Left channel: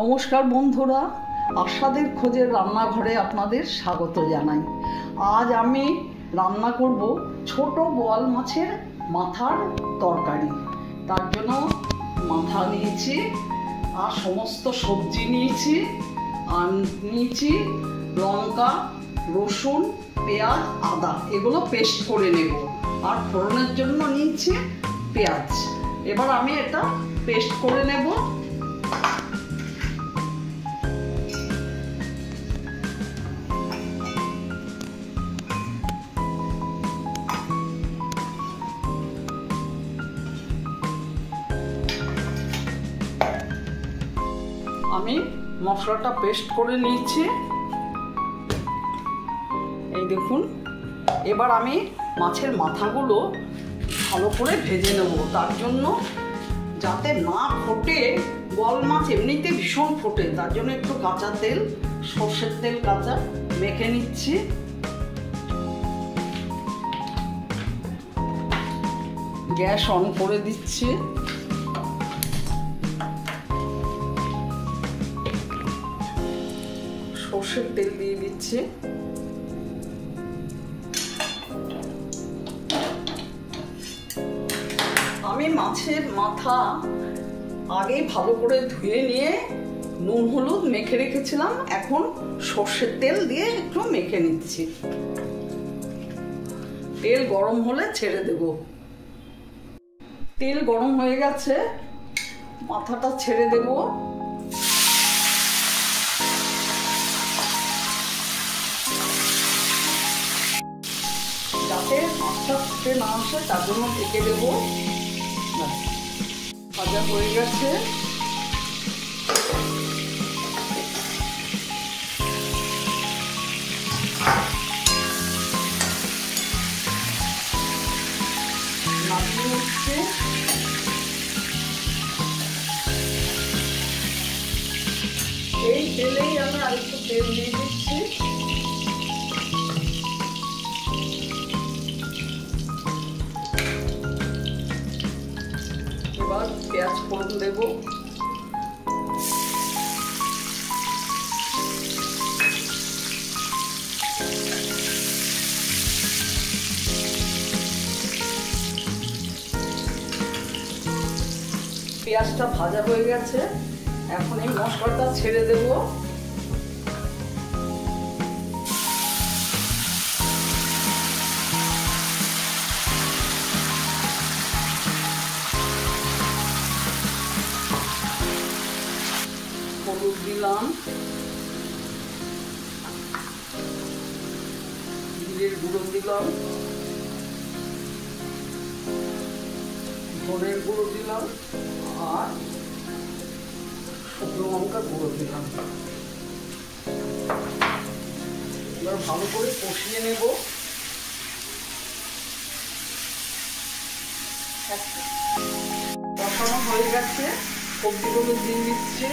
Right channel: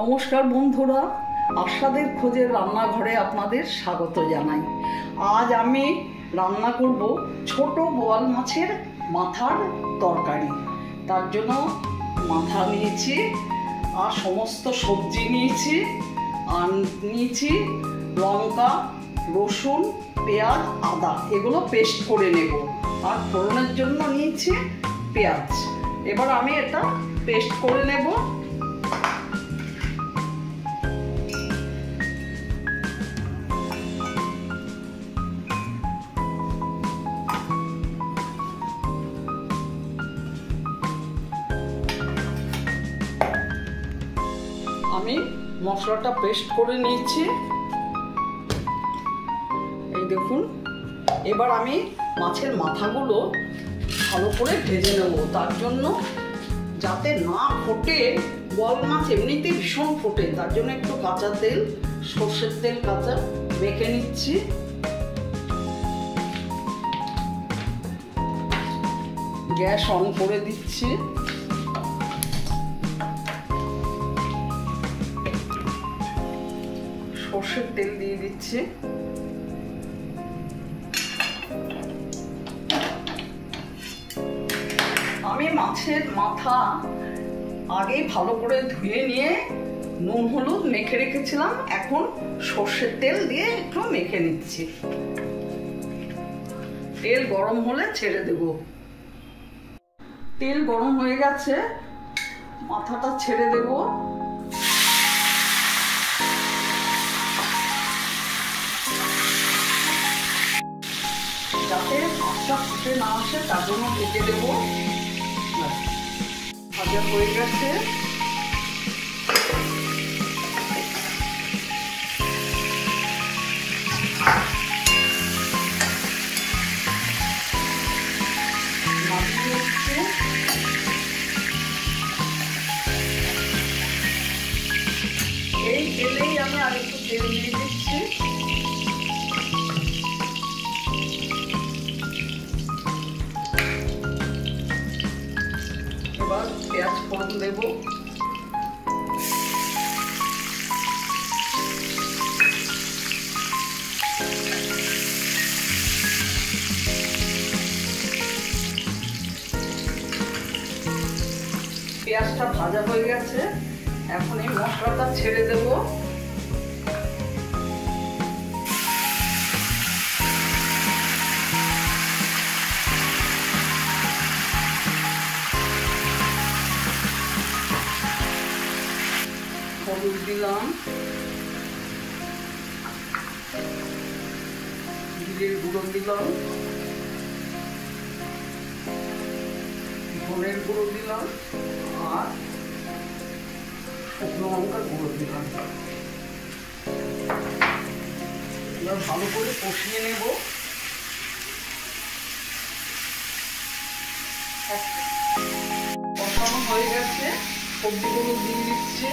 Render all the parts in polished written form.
নমস্কার বন্ধুরা, আশাদের খোঁজের রান্নাঘরে আপনাদের স্বাগত জানাই। আজ আমি রান্না করব ছোট বোয়াল মাছের মাথার তরকারি। তার জন্য মাথা নিয়েছি আর সমস্ত সবজি নিয়েছি, আর নিয়েছি লঙ্কা, রসুন, পেঁয়াজ, আদা, এগুলো পেস্ট করে নেব। আর ফোড়নের জন্য নিয়েছি পেঁয়াজ। এবার আমি এটা পেস্ট করে নেব। আমি মশলাটা পেস্ট করে নিয়েছি, এই দেখুন। এবার আমি মাছের মাথাগুলো ভালো করে ভেজে নেব। তার জন্য যাতে না ফোটে, বোয়াল মাছ এমনিতে ভীষণ ফোটে, তার জন্য একটু কাঁচা তেল, সর্ষের তেল কাঁচা মেখে নিচ্ছি। গ্যাস অন করে দিচ্ছি। সর্ষের তেল দিয়ে দিচ্ছি। আমি মাছের মাথা আগেই ভালো করে ধুয়ে নিয়ে নুন হলুদ মেখে রেখেছিলাম। এখন সর্ষের তেল দিয়ে একটু মেখে নিচ্ছি। তেল গরম হলে ছেড়ে দেব। তেল গরম হয়ে গেছে, মাথাটা ছেড়ে দেব। যাতে মাছটা ফুটে না আসে তার জন্য ঢেকে দেবো। ভাজা হয়ে গেছে। নামিয়ে নিচ্ছে। এই তেলেই আমি আর একটু তেল দিয়ে দিচ্ছি। এবার পেঁয়াজ ফোড়ন দেব। পেঁয়াজটা ভাজা হয়ে গেছে, এখন এই মশলাটা ছেড়ে দেব। হলুদ দিলাম, জিরের গুঁড়ো দিলাম, ধনের গুঁড়ো দিলাম, আর শুকনো লঙ্কার গুঁড়ো দিলাম। এবার ভালো করে কষিয়ে নেব। কষানো হয়ে গেছে, সবজিগুলো দিয়ে দিচ্ছি।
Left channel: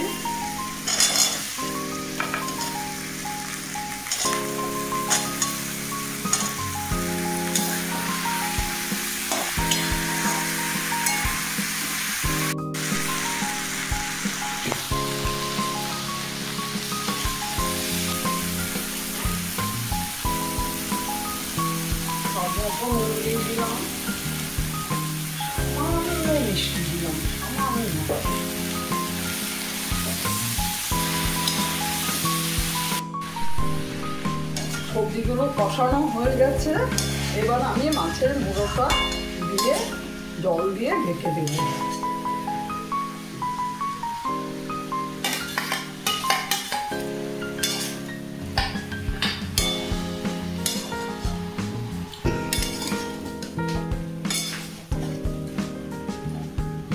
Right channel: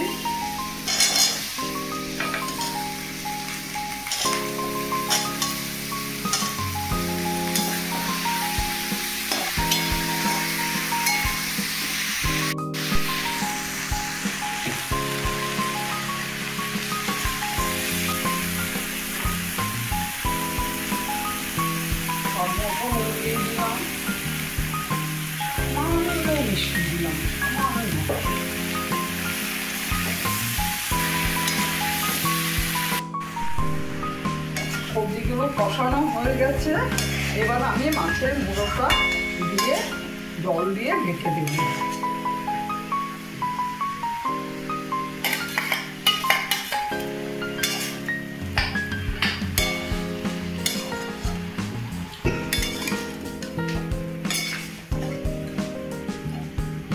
দিলাম, মিষ্টি দিলাম। সবজিগুলো কষানো হয়ে গেছে। এবার আমি মাছের মুড়োটা দিয়ে জল দিয়ে ঢেকে দেব।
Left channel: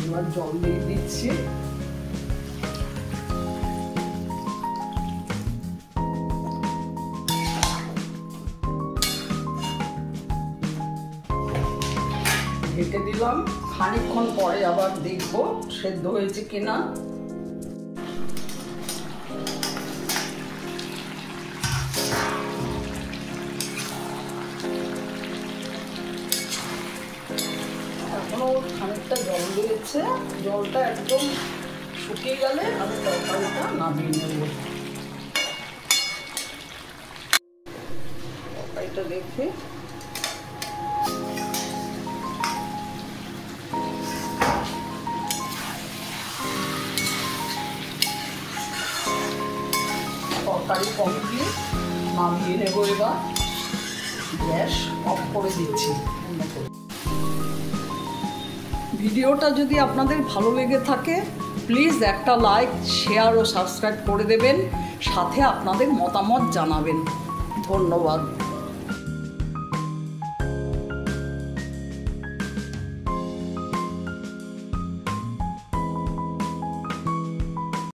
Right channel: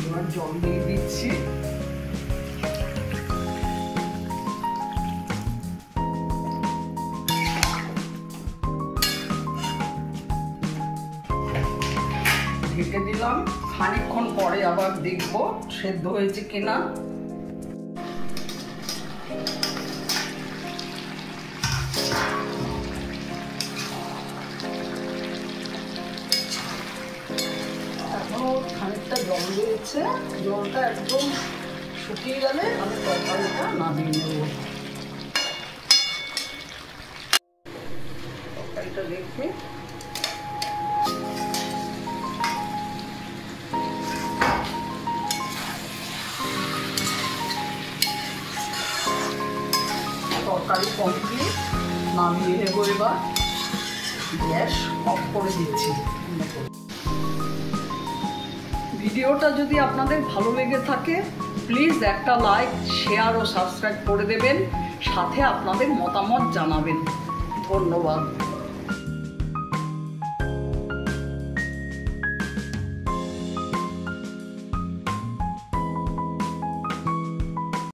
এবার জল দিয়ে দিচ্ছি। ঢেকে দিলাম। খানিকক্ষণ পরে আবার দেখবো সেদ্ধ হয়েছে কিনা। এখনো খানিকটা জল দিয়েছে, জলটা একদম শুকিয়ে গেলে আমি তরকারিটা নামিয়ে নেব। তরকারিটা দেখে তরকারি কমপ্লিট, নামিয়ে নেব। এবার গ্যাস অফ করে দিচ্ছি। ভিডিওটা যদি আপনাদের ভালো লেগে থাকে প্লিজ একটা লাইক, শেয়ার ও সাবস্ক্রাইব করে দেবেন, সাথে আপনাদের মতামত জানাবেন। ধন্যবাদ।